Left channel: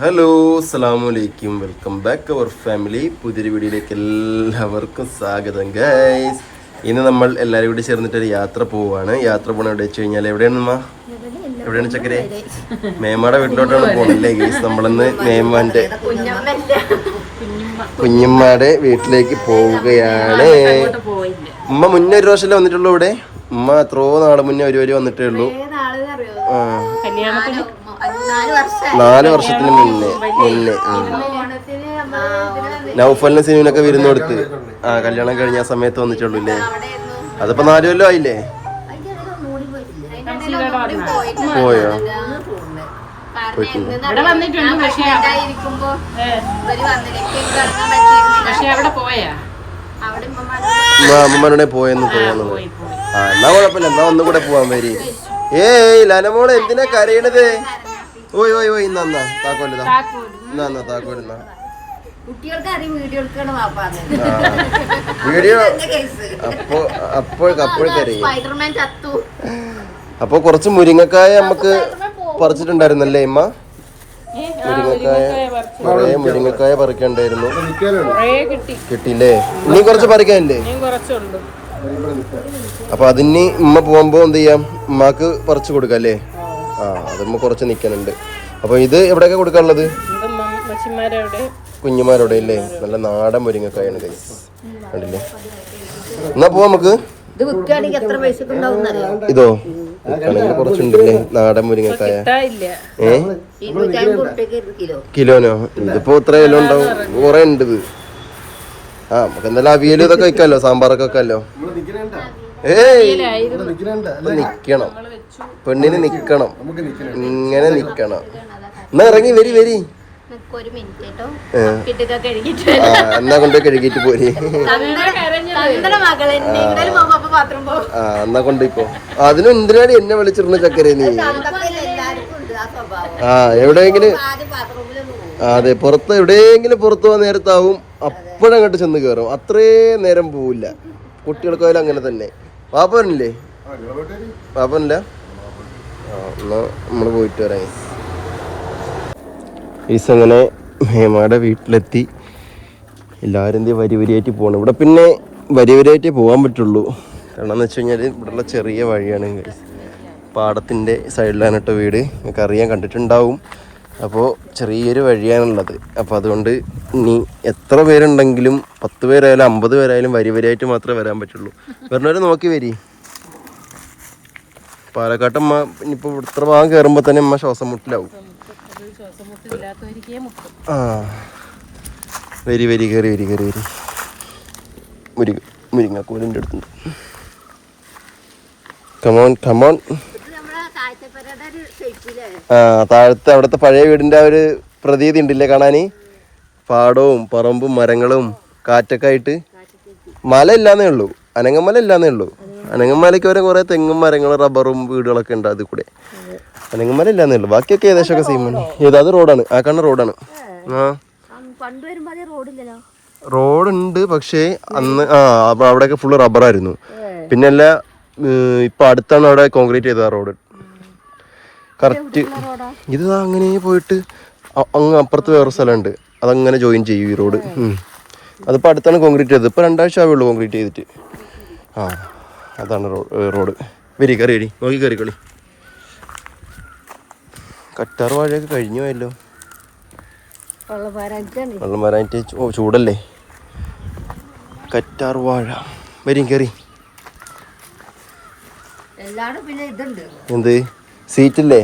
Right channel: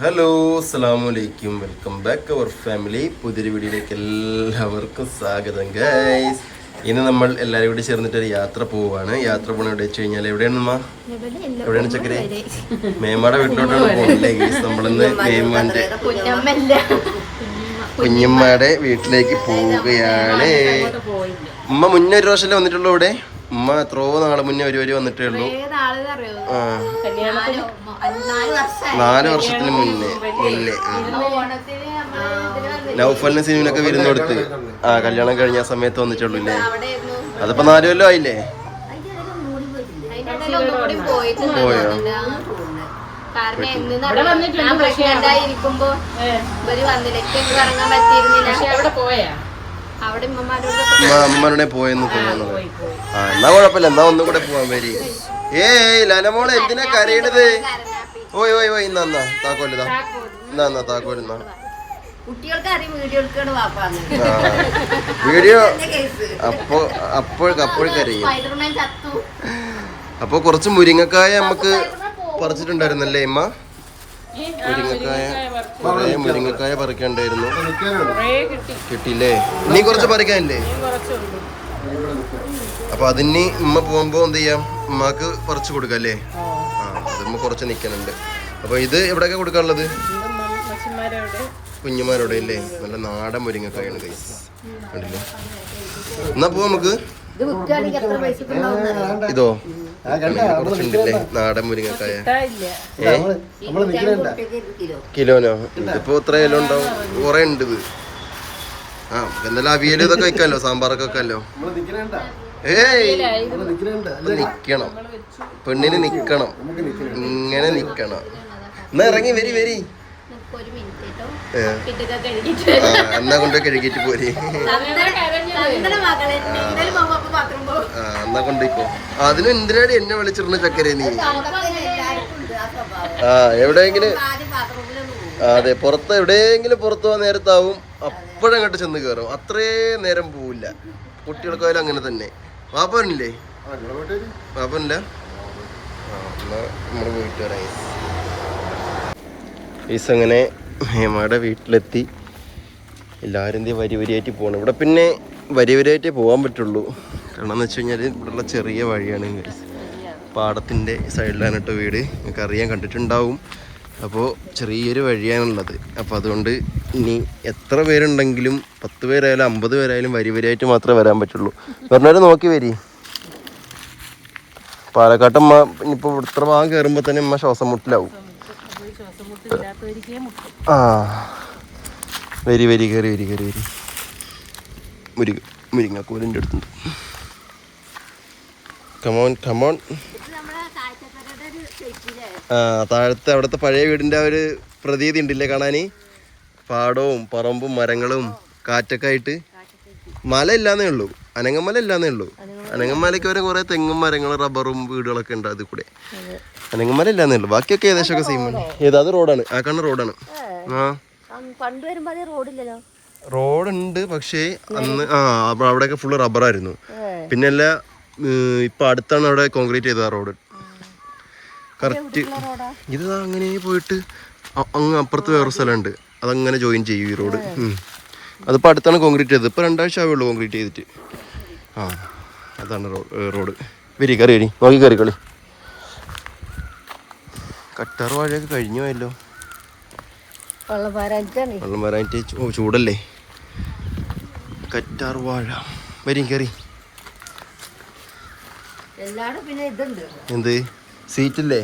Hello അസ്സലാമലൈക്കും welcome back അവർ family. പുതിയൊരു വീഡിയോയിലേക്ക് എല്ലാവർക്കും സ്വാഗതം ഗൈസ്. ഇന്ന് നമ്മൾ എല്ലാവരും കൂടി ചേർന്നിട്ടൊരു യാത്ര പോവുകയാണ്. യാത്ര പോകണ എവിടെ വെച്ച് കഴിഞ്ഞാൽ എവിടെയാണ് എവിടെയാണ് ചക്കരെ? മേമ്മയുടെ വീട്ടിലോട്ടാണ് പോകുന്നില്ലേ ഗൈസ്. നമ്മളിന്ന് മേമ്മാൻ്റെ കുഞ്ഞമ്മയുടെ വീട്ടിലേക്ക് പോവുകയാണ്. ഉമ്മ മുന്നേ ഒരു പ്രാവശ്യമല്ലേ വന്നിട്ടുള്ളൂ ഇവിടെ. ഉമ്മ എത്രയോ നാള് മുന്നേ ഒരു വന്നിട്ടേ ഉള്ളൂ. 4 വർഷത്തിന് മുന്നേ നൗഫലിന് സിനിമനൊക്കെ വിരുന്ന് കൊടുത്ത് കല്യാണം കഴിഞ്ഞ സമയത്ത് വന്നിട്ടുള്ളൂ അല്ലേ. അതിപ്പോ 4 കൊല്ലം ആയില്ലേ? പോയോ? അമ്മമാരുടെ പോയെന്ന് തോന്നുന്നത്. എന്നാ കുഴപ്പമില്ല, എന്നാ ഒന്നും കൂടെ പോവാൻ വരി. ഏയ് ലനമോളെ എന്തിനാ കരയണത്? ഓയ് ഓയ് ഓയ് ഇന്നാ താക്കോല് എന്നാ താക്കോല് എന്നാ വീഡിയോ അപ്പോഴേക്കറിയും. അപ്പൊ കുറച്ച് മുരിങ്ങക്കായ നമുക്ക് പറിച്ചിട്ടുണ്ടായിരുന്നല്ലേ ഇമ്മ? കൊറേ മുരിങ്ങക്കായ പറിക്കണ്ടായിരുന്നു. കിട്ടിയില്ലേ? ഇനി കുറച്ച് പറിക്കാനില്ലേ? അപ്പൊ അതിന് ഉമ്മ പോകുമ്പോ എന്ത് ചെയ്യാം, ഉമ്മാക്ക് പറിച്ചു കൊടുക്കാം അല്ലേ? അതുമ്പോ കുറച്ച് നിക്കണുണ്ട്. അപ്പൊ ഇത് എവിടെയൊക്കെ കൊടുക്കാനുള്ളത്? കുഞ്ഞുമാരോടെ അല്ലേ? നല്ല നാടൻ മുരിങ്ങക്കായാണ് കൈ കണ്ടില്ലേ. എന്നാ പോവാ നമുക്ക്. ഇതോ ണെങ്കിൽ കുറച്ചുണ്ടല്ലേ നാടൻ മുരിങ്ങക്കായ. കിലോനോ? ഇതിപ്പോ ഇത്ര കിലോ ഉണ്ടാവും, കുറെ ഉണ്ട് ഇത്. നമുക്ക് എന്തായാലും അവിയൽ ഇതൊക്കെ വെക്കാലോ, സാമ്പാറൊക്കെ വെക്കാലോ. നിക്കണം, പെണ്ണിന് നിക്കണം, ഇങ്ങനെ നിക്കണം. എന്നാ ഇറങ്ങി വരി. എന്നാ കൊണ്ടുപോയി കഴുകിട്ട് പോരി. എന്നാ കൊണ്ടുപോയിക്കോ. അതിനും എന്തിനാണ് എന്നെ വിളിച്ചിരുന്ന ചക്കര നീ? എവിടെയെങ്കിലും അതെ, എവിടെയെങ്കിലും പുറത്തു പോകാൻ നേരത്താവും അപ്പോഴങ്ങോട്ട് ചെന്ന് കയറും. അത്രേ നേരം പോവില്ല. കുട്ടികൾക്കായാലും അങ്ങനെ തന്നെ. പാപ്പനില്ലേ? പാപ്പനില്ല. എന്നാ നമ്മള് പോയിട്ട് വരാം. അങ്ങനെ മേമ്മയുടെ വീട്ടിലെത്തി. എല്ലാവരും എന്തെങ്കിലും വരിയായിട്ട് പോകണം. ഇവിടെ പിന്നെ വരിയായിട്ടേ പോകാൻ പറ്റുള്ളൂ. കാരണം എന്ന് വെച്ച് കഴിഞ്ഞാൽ ഇവിടെയുള്ള ചെറിയ വഴിയാണ്. പാടത്തിൻ്റെ സൈഡിലാണ് കേട്ടോ വീട്. നിങ്ങൾക്ക് അറിയാൻ, കണ്ടിട്ടുണ്ടാവും. അപ്പോൾ ചെറിയൊരു വഴിയാണുള്ളത്. അപ്പോൾ അതുകൊണ്ട് ഇനി എത്ര പേരുണ്ടെങ്കിലും 10 പേരായാലും 50 പേരായാലും വരിയായിട്ട് മാത്രമേ വരാൻ പറ്റുള്ളൂ. പറഞ്ഞവരെ നോക്കി വരി. പാലക്കാട്ടമ്മ ഇനിയിപ്പോൾ ഇത്ര ഭാഗം കയറുമ്പോൾ തന്നെ അമ്മ ശ്വാസം മുട്ടിലാവും. വരി കയറി മുരിങ്ങക്കോലിൻ്റെ അടുത്തുണ്ട്. കമോൺ. താഴത്തെ അവിടുത്തെ പഴയ വീടിൻ്റെ ആ ഒരു പ്രതീതി ഉണ്ടില്ലേ കാണാന്. പാടവും പറമ്പും മരങ്ങളും കാറ്റൊക്കെ ആയിട്ട്. മല ഇല്ലാന്നേ ഉള്ളൂ, അനങ്ങമല ഇല്ലാന്നേ ഉള്ളൂ. അനങ്ങമലയ്ക്ക് വരെ കുറെ തെങ്ങും മരങ്ങളും റബ്ബറും വീടുകളൊക്കെ ഉണ്ട് അതിൽ കൂടെ. അനങ്ങമല ഇല്ലാന്നേ ഉള്ളൂ, ബാക്കിയൊക്കെ ഏകദേശമൊക്കെ സെയിം ആണ്. അത് റോഡാണ്, ആ കാണുന്ന റോഡാണ്. റോഡുണ്ട്, പക്ഷേ അന്ന് അവിടെയൊക്കെ ഫുള്ള് റബ്ബറായിരുന്നു. പിന്നെ അല്ല, ഇപ്പൊ അടുത്താണ് അവിടെ കോൺക്രീറ്റ് ചെയ്തത് ആ റോഡ്. കറക്റ്റ് ഇത് അങ്ങനെ പോയിട്ട് അങ്ങ് അപ്പുറത്ത് വേറൊരു സ്ഥലമുണ്ട്, അതങ്ങനെ ജോയിൻ ചെയ്യും ഈ റോഡ്. അതിപ്പോൾ അടുത്താണ് കോൺക്രീറ്റ് ചെയ്തത്. ഇപ്പോൾ 2 ആഴ്ച ആവുള്ളൂ കോൺക്രീറ്റ് ചെയ്തിട്ട്. അതാണ് റോഡ്. കയറി നോക്കി കയറിക്കളി. കറ്റാർ വാഴയൊക്കെ കഴിഞ്ഞു പോയല്ലോ. വെള്ളം വരാനിട്ട് ചൂടല്ലേ. കറ്റാർ വാഴ കയറി. എന്ത് സീറ്റില്ലേ?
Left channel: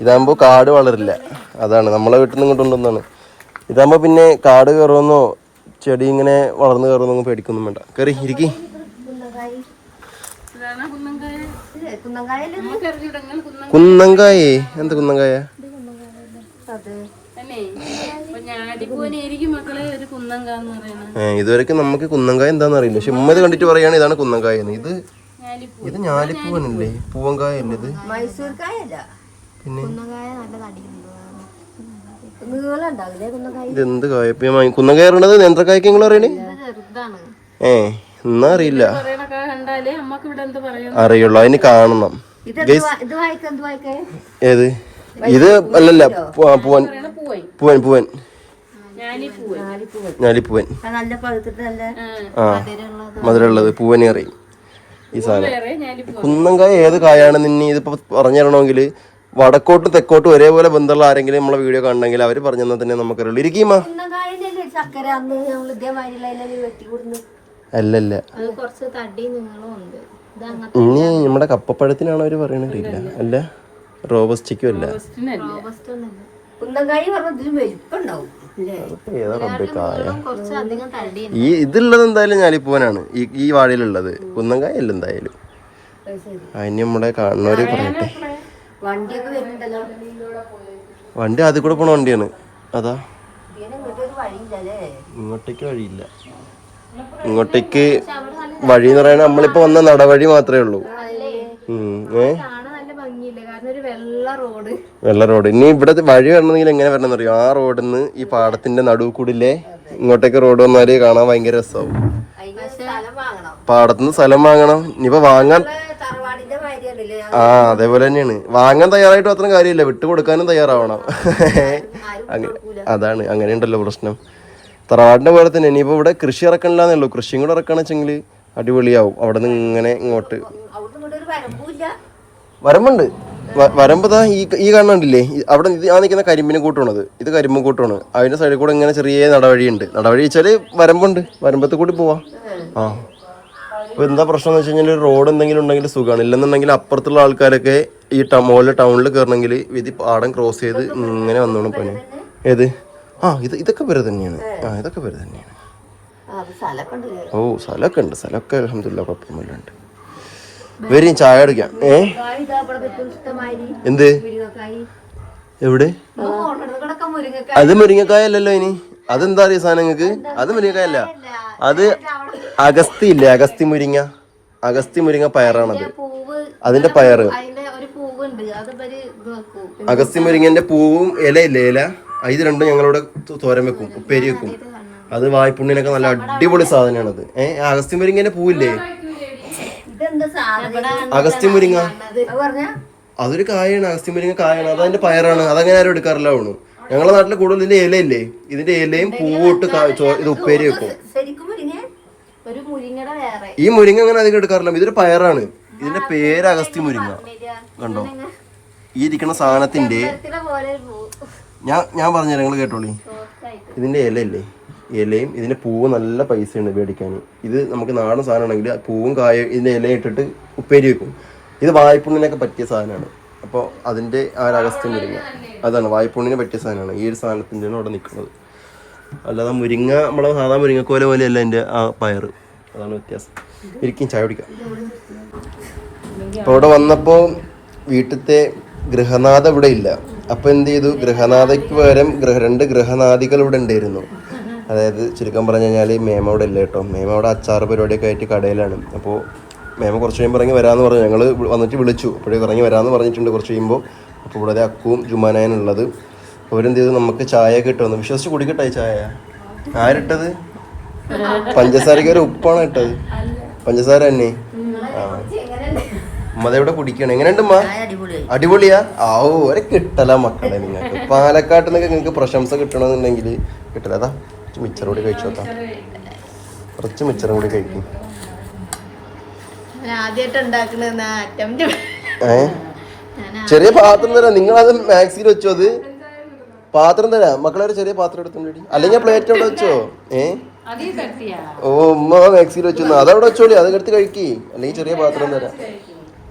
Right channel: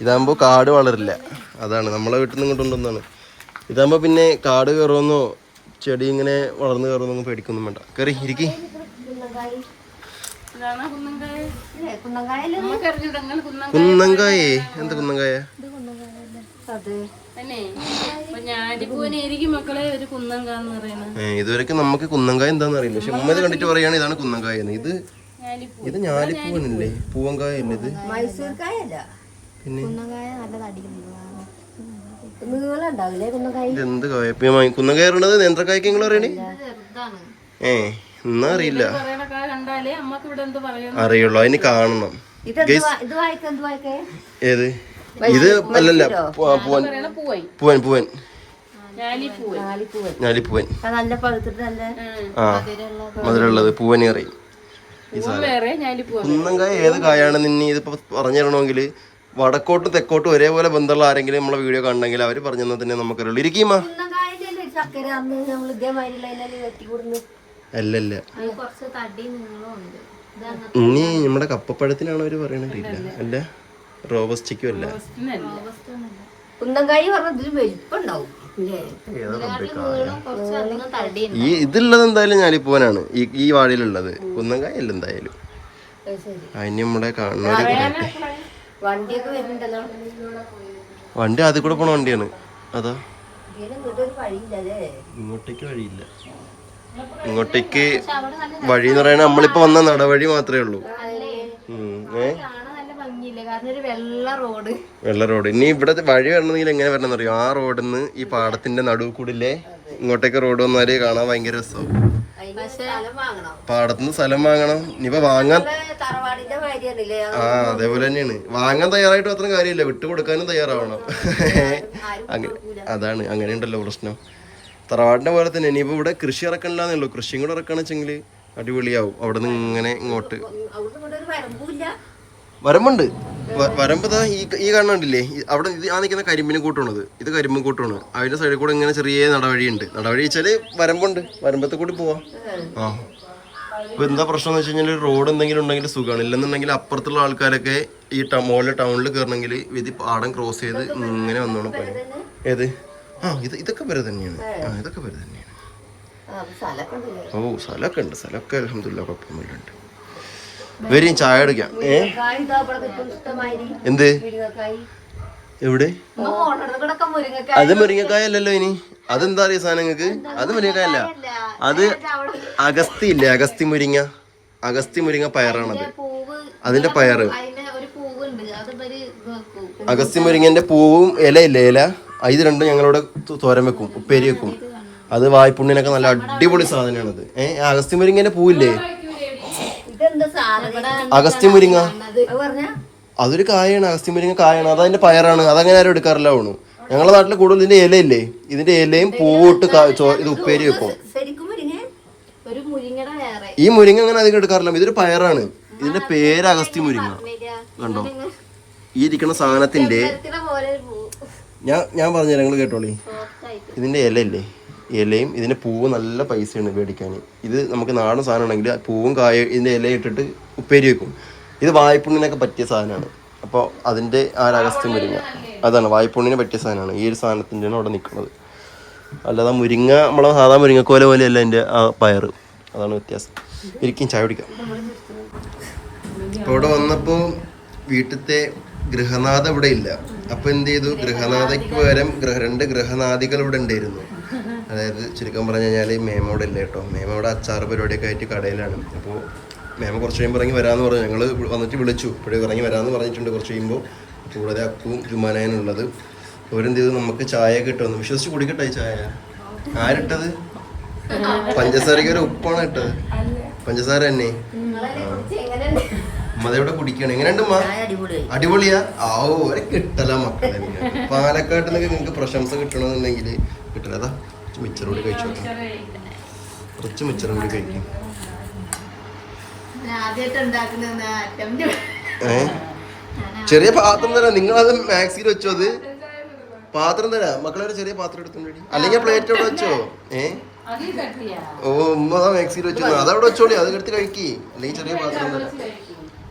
ഇതാകുമ്പോ കാട് വളരില്ല, അതാണ് നമ്മളെ വീട്ടിൽ നിന്ന് കൊണ്ടുവന്നാണ്. ഇതാകുമ്പോ പിന്നെ കാട് കയറുമെന്നോ ചെടി ഇങ്ങനെ വളർന്നു കയറുമെന്നൊന്നും പേടിക്കൊന്നും വേണ്ട. കയറി ഇരിക്കി. കുന്നങ്കായേ? എന്ത് കുന്നങ്കായ? ഇതുവരെക്കും നമുക്ക് കുന്നങ്കായ എന്താന്ന് അറിയില്ല. പക്ഷെ ഉമ്മ ഇത് കണ്ടിട്ട് പറയാണ് ഇതാണ് കുന്നങ്കായ. ഇത് ഞാലിപ്പൂവനല്ലേ? പൂവങ്കായ അല്ലേ ഇത്? പിന്നെ ഇതെന്ത് കായ? കുന്നങ്കായ പറയണത് നേന്ത്രക്കായ്ക്ക് നിങ്ങൾ പറയണേ? എന്നാ അറിയില്ല, അറിയുള്ളൂ. അതിന് കാണണം. ഏത് ഇത് അല്ലല്ല പൂവൻ പൂവൻ പൂവൻ ഞാലിപ്പൂവൻ. ആ മധുരമുള്ളത് പൂവന് കറി. ഈ സാധനം കുന്നംകായ ഏത് കായാണ് നിന്നെ ഇതിപ്പോ പറഞ്ഞു തരണമെങ്കിൽ വടക്കോട്ട് തെക്കോട്ട് ഒരേപോലെ ബന്ധമുള്ള ആരെങ്കിലും നമ്മളെ വീഡിയോ കാണണമെങ്കിൽ അവര് പറഞ്ഞു തന്നെ നമുക്കറിയുള്ളൂ. ഇരിക്കുമാ അല്ലല്ല ഇനി നമ്മുടെ കപ്പപ്പഴത്തിനാണോ അവര് പറയണില്ല? അല്ല റോബസ്റ്റിക്കും അല്ല. ഈ ഇതുള്ളത് എന്തായാലും ഞാലിപ്പൂവനാണ് ഈ വാഴയിലുള്ളത്. കുന്നംകായ അല്ല എന്തായാലും. അതിന് നമ്മുടെ കാണുന്നവര് പറയട്ടെ. വണ്ടി അതിൽ കൂടെ പോണ വണ്ടിയാണ്. അതാ ഇങ്ങോട്ടേക്ക് വഴിയില്ല. ഇങ്ങോട്ടേക്ക് വഴി എന്ന് പറയുന്നത് നമ്മളിപ്പോ വന്ന നടവഴി മാത്രമേ ഉള്ളൂ. വെള്ള റോഡ്. ഇനി ഇവിടെ വഴി വരണമെങ്കിൽ എങ്ങനെ വരണമെന്ന് അറിയോ? ആ റോഡിൽ നിന്ന് ഈ പാടത്തിന്റെ നടുവ് കൂടില്ലേ ഇങ്ങോട്ടേക്ക് റോഡ് വന്നാല് കാണാൻ ഭയങ്കര രസമാവും. പാടത്തുനിന്ന് സ്ഥലം വാങ്ങണം. ഇനിയിപ്പോ വാങ്ങാൻ അതേപോലെ തന്നെയാണ്. വാങ്ങാൻ തയ്യാറായിട്ട് മാത്രം കാര്യമില്ല, വിട്ടുകൊടുക്കാനും തയ്യാറാവണം. അതാണ്, അങ്ങനെയുണ്ടല്ലോ പ്രശ്നം. തറവാടിന്റെ പോലെ തന്നെ ഇനിയിപ്പോ ഇവിടെ കൃഷി ഇറക്കണില്ലാന്നേ ഉള്ളൂ. കൃഷിയും കൂടെ ഇറക്കണെന്ന് വെച്ചെങ്കിൽ അടിപൊളിയാവും. അവിടെ നിന്ന് ഇങ്ങനെ ഇങ്ങോട്ട് വരമ്പുണ്ട്. വരമ്പതാ ഈ കാണണ്ടില്ലേ അവിടെ ആ നിൽക്കുന്ന കരിമ്പിന് കൂട്ടാണത്. ഇത് കരിമ്പും കൂട്ടാണ്. അതിന്റെ സൈഡിൽ കൂടെ ഇങ്ങനെ ചെറിയ നടവഴിയുണ്ട്. നടവഴി വെച്ചാല് വരമ്പുണ്ട്. വരമ്പത്ത് കൂടി പോവാം. ആ അപ്പൊ എന്താ പ്രശ്നം എന്ന് വെച്ച് കഴിഞ്ഞാൽ റോഡ് എന്തെങ്കിലും ഉണ്ടെങ്കിൽ സുഖമാണ്. ഇല്ലെന്നുണ്ടെങ്കിൽ അപ്പുറത്തുള്ള ആൾക്കാരൊക്കെ ഈ മുകളിൽ ടൗണിൽ കയറണമെങ്കിൽ ഇത് പാടം ക്രോസ് ചെയ്ത് ഇങ്ങനെ വന്നോളും പണി. ഏത് ഇതൊക്കെ പേര് തന്നെയാണ്. ഇതൊക്കെ പേര് തന്നെയാണ്. ഓ സ്ഥലമൊക്കെ ഉണ്ട്. സ്ഥലമൊക്കെ അൽഹംദുലില്ലാ കുഴപ്പമൊന്നുമില്ലാണ്ട്. വരും ചായ അടിക്കാം. എന്ത് എവിടെ? അത് മുരിങ്ങക്കായ അല്ലല്ലോ. ഇനി അതെന്താ അറിയ സാധനം നിങ്ങൾക്ക്? അത് മുരിങ്ങക്കായ അല്ല, അത് അഗസ്തി ഇല്ലേ? അഗസ്തി മുരിങ്ങ. അഗസ്തി മുരിങ്ങ പയറാണത്. അതിന്റെ പയറ്. അഗസ്തി മുരിങ്ങന്റെ പൂവും ഇല ഇല്ലേ? ഇല ഇത് രണ്ടും ഞങ്ങളിവിടെ തോരൻ വെക്കും, ഉപ്പേരി വെക്കും. അത് വായ്പുണ്ണിനൊക്കെ നല്ല അടിപൊളി സാധനമാണത്. അഗസ്തി മുരിങ്ങന്റെ പൂവില്ലേ? അഗസ്തി മുരിങ്ങ അതൊരു കായാണ്. അഗസ്തി മുരിങ്ങ കായാണ്. അതതിന്റെ പയറാണ്. അതങ്ങനെ ആരും എടുക്കാറില്ല. ആവണു ഞങ്ങളുടെ നാട്ടില് കൂടുതൽ ഇതിന്റെ ഇലയില്ലേ, ഇതിന്റെ ഇലയും പൂവിട്ട് ഇത് ഉപ്പേരി വെക്കും. ഈ മുരിങ്ങ അങ്ങനെ അധികം എടുക്കാറില്ല. ഇതൊരു പയറാണ്. ഇതിന്റെ പേര് അഗസ്തി മുരിങ്ങ. കണ്ടോ ഈ ഇരിക്കുന്ന സാധനത്തിന്റെ ഞാൻ പറഞ്ഞുതരാം, നിങ്ങൾ കേട്ടോളി. ഇതിന്റെ ഇലയില്ലേ, ഇലയും ഇതിന്റെ പൂവ് നല്ല പൈസയാണ് മേടിക്കാൻ. ഇത് നമുക്ക് നാടൻ സാധനമാണെങ്കിൽ പൂവും കായ ഇതിന്റെ ഇല ഇട്ടിട്ട് ഉപ്പേരി വെക്കും. ഇത് വായ്പുണ്ണിനൊക്കെ പറ്റിയ സാധനമാണ്. അപ്പോൾ അതിന്റെ അഗസ്ത്യ മുരിങ്ങ അതാണ് വായ്പുണ്ണിന് പറ്റിയ സാധനമാണ്. ഈ ഒരു സാധനത്തിൻ്റെയാണ് അവിടെ നിൽക്കുന്നത്. അല്ലാതെ മുരിങ്ങ നമ്മളെ സാധാ മുരിങ്ങക്കോല പോലെയല്ല എൻ്റെ ആ പയറ്. അതാണ് വ്യത്യാസം. ഇരിക്കും ചായ കുടിക്കാം. അപ്പോൾ ഇവിടെ വന്നപ്പോൾ വീട്ടിലത്തെ ഗൃഹനാഥ ഇവിടെ ഇല്ല. അപ്പോൾ എന്ത് ചെയ്തു, ഗൃഹനാഥയ്ക്ക് പകരം 2 ഗൃഹനാഥികൾ ഇവിടെ ഉണ്ടായിരുന്നു. അതായത് ചുരുക്കം പറഞ്ഞു കഴിഞ്ഞാൽ മേമ അവിടെ ഇല്ല കേട്ടോ. മേമ അവിടെ അച്ചാറ് പരിപാടിയൊക്കെ ആയിട്ട് കടയിലാണ്. അപ്പോൾ മേമ കുറച്ച് കഴിയുമ്പോൾ ഇറങ്ങി വരാമെന്ന് പറഞ്ഞു. ഞങ്ങൾ വന്നിട്ട് വിളിച്ചു. ഇപ്പോഴേക്ക് ഇറങ്ങി വരാമെന്ന് പറഞ്ഞിട്ടുണ്ട് കുറച്ച് കഴിയുമ്പോൾ. അപ്പോൾ ഇവിടെ അക്കുവും ജുമാനായനുള്ളത്. അവരെന്ത് ചെയ്തു, നമുക്ക് ചായയൊക്കെ ഇട്ട് വന്നു. വിശ്വസിച്ച് കുടിക്കട്ടെ ചായ. ആരിട്ടത്? പഞ്ചസാരയ്ക്ക് ഒരു ഉപ്പാണ് ഇട്ടത്. പഞ്ചസാര തന്നെ. അമ്മതെവിടെ കുടിക്കണം. എങ്ങനെയുണ്ട് അമ്മ? അടിപൊളിയാ. ഒരു കിട്ടല മക്കളെ നിങ്ങൾക്ക്. പാലക്കാട്ടിൽ നിന്നൊക്കെ നിങ്ങൾക്ക് പ്രശംസ കിട്ടണമെന്നുണ്ടെങ്കിൽ കിട്ടില്ല. അതാ മിച്ചർ കൂടി കഴിച്ചു നോക്കാം. കുറച്ച് മിച്ചറും കൂടി കഴിക്കും. ചെറിയ പാത്രം തരാം. നിങ്ങളത് മാക്സിയിൽ വെച്ചോ. അത് പാത്രം തരാം മക്കളെ. ഒരു ചെറിയ പാത്രം എടുത്തോണ്ടി, അല്ലെങ്കിൽ പ്ലേറ്റ് അവിടെ വെച്ചോ. ഉമ്മ മാക്സിയിൽ വെച്ചു. അതവിടെ വെച്ചോളി. അത് എടുത്ത് കഴിക്കി. അല്ലെങ്കിൽ ചെറിയ പാത്രം തരാം.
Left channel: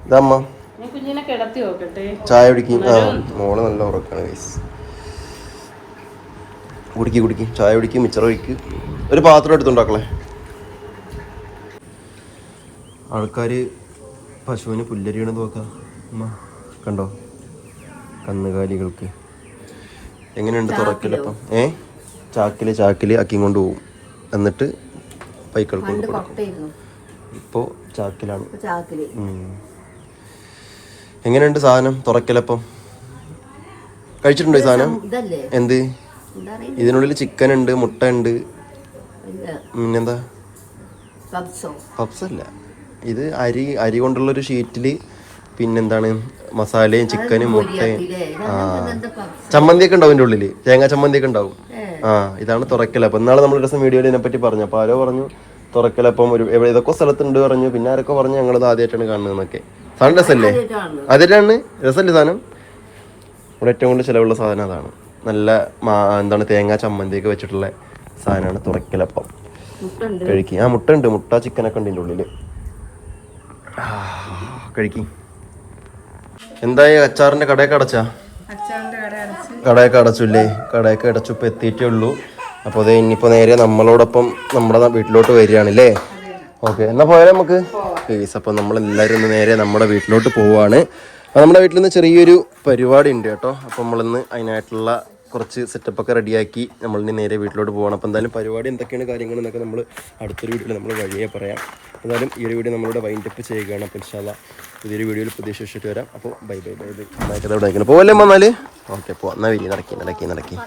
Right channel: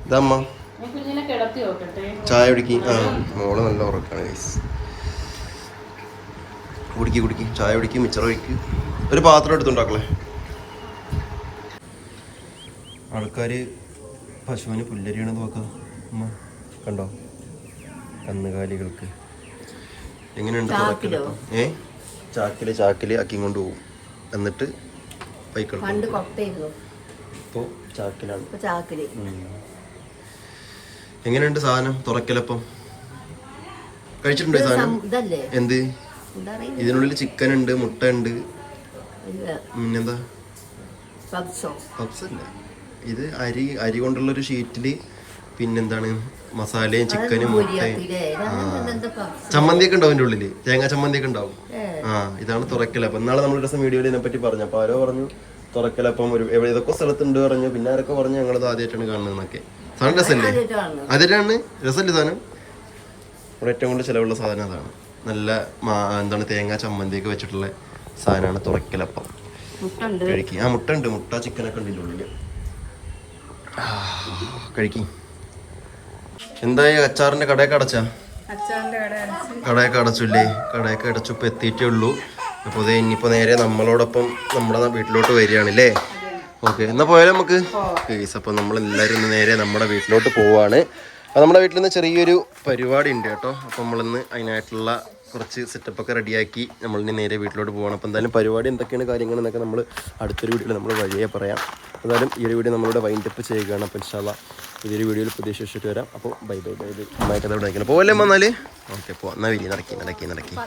ഇതമ്മ ചായ കുടിക്കും. മോള് നല്ല ഉറക്കാണ് ഗൈസ്. കുടിക്കും ചായ കുടിക്കും. മിച്ചർ ഒഴിക്കും. ഒരു പാത്രം എടുത്തുണ്ടാക്കളെ. ആൾക്കാർ പശുവിന് പുല്ലരിയണെന്ന് നോക്കാം. അമ്മ കണ്ടോ കന്നുകാലികൾക്ക് എങ്ങനെയുണ്ട് തുറക്കലപ്പം. ചാക്കില് അക്കി കൊണ്ട് പോകും. എന്നിട്ട് പൈക്കൾക്ക് ഇപ്പോൾ ചാക്കിലാണ്. എങ്ങനെയുണ്ട് സാധനം തുറക്കലപ്പം? കഴിച്ചിട്ടുണ്ടോ ഈ സാധനം? എന്ത് ഇതിനുള്ളിൽ ചിക്കൻ ഉണ്ട്, മുട്ട ഉണ്ട്, പിന്നെന്താ പപ്സല്ല. ഇത് അരി കൊണ്ടുള്ളൊരു ഷീറ്റിൽ പിന്നെന്താണ് മസാലയും ചിക്കനും മുട്ടയും. ചമ്മന്തിയൊക്കെ ഉണ്ടാവും എൻ്റെ ഉള്ളിൽ, തേങ്ങാ ചമ്മന്തിയൊക്കെ ഉണ്ടാവും. ഇതാണ് തുറക്കലപ്പം. ഇന്നാളെ നമ്മൾ ഒരു ദിവസം വീഡിയോയിൽ ഇതിനെപ്പറ്റി പറഞ്ഞു. അപ്പോൾ ആരോ പറഞ്ഞു തുറക്കലപ്പം ഇതൊക്കെ സ്ഥലത്തുണ്ട് പറഞ്ഞു. പിന്നെ ആരൊക്കെ പറഞ്ഞു ഞങ്ങളത് ആദ്യമായിട്ടാണ് കാണുന്നതെന്നൊക്കെ. സാധനം രസമല്ലേ? ആദ്യമായിട്ടാണ് രസമല്ലേ സാധനം? ഇവിടെ ഏറ്റവും കൂടുതൽ ചിലവുള്ള സാധനം അതാണ്. നല്ല എന്താണ് തേങ്ങാ ചമ്മന്തിയൊക്കെ വെച്ചിട്ടുള്ള സാധനമാണ് തുറക്കലപ്പം. കഴിക്കും. മുട്ട ഉണ്ട്, മുട്ട ചിക്കനൊക്കെ ഉണ്ട് ഇതിൻ്റെ ഉള്ളിൽ. കഴിക്കും. എന്തായി അച്ചാറിന്റെ കടയൊക്കെ അടച്ചാ? കടയൊക്കെ അടച്ചില്ലേ? കടയൊക്കെ അടച്ചു. ഇപ്പൊ എത്തിയിട്ടേ ഉള്ളൂ. അപ്പോൾ അതെ ഇനിയിപ്പോൾ നേരെ നമ്മളോടൊപ്പം നമ്മുടെ വീട്ടിലോട്ട് വരികയാണല്ലേ? ഓക്കെ, എന്നാൽ പോയാലോ നമുക്ക്. അപ്പോൾ നമ്മളെല്ലാവരും ഒന്ന് നേരെ നമ്മുടെ വീട്ടിലോട്ട് പോവുകയാണ്. നമ്മുടെ വീട്ടിൽ നിന്ന് ചെറിയൊരു പരിപാടി ഉണ്ട് കേട്ടോ. അപ്പോൾ നമ്മളിന്ന് അതിനായിട്ടുള്ള കുറച്ച് സെറ്റപ്പൊക്കെ റെഡിയാക്കി നമ്മളിനി നേരെ വീട്ടിലോട്ട് പോകണം. അപ്പോൾ എന്തായാലും പരിപാടി എന്തൊക്കെയാണ് കാര്യങ്ങൾ എന്നൊക്കെ നമ്മൾ അടുത്തൊരു വീഡിയോയിൽ നമ്മൾ വഴിയെ പറയാം. എന്തായാലും ഈ ഒരു വീഡിയോ നമ്മളിവിടെ വൈൻഡപ്പ് ചെയ്യുകയാണ്. അപ്പോൾ ഇൻഷാ അല്ലാഹ് പുതിയൊരു വീഡിയോയിൽ പുതിയ ശേഷിച്ചിട്ട് വരാം. അപ്പോൾ ബൈ ബൈ ബൈ ബൈ. നന്നായിട്ട് അവിടെ പോവല്ലേ വന്നാൽ? ഓക്കെ, പോവാം. എന്നാൽ നടക്കി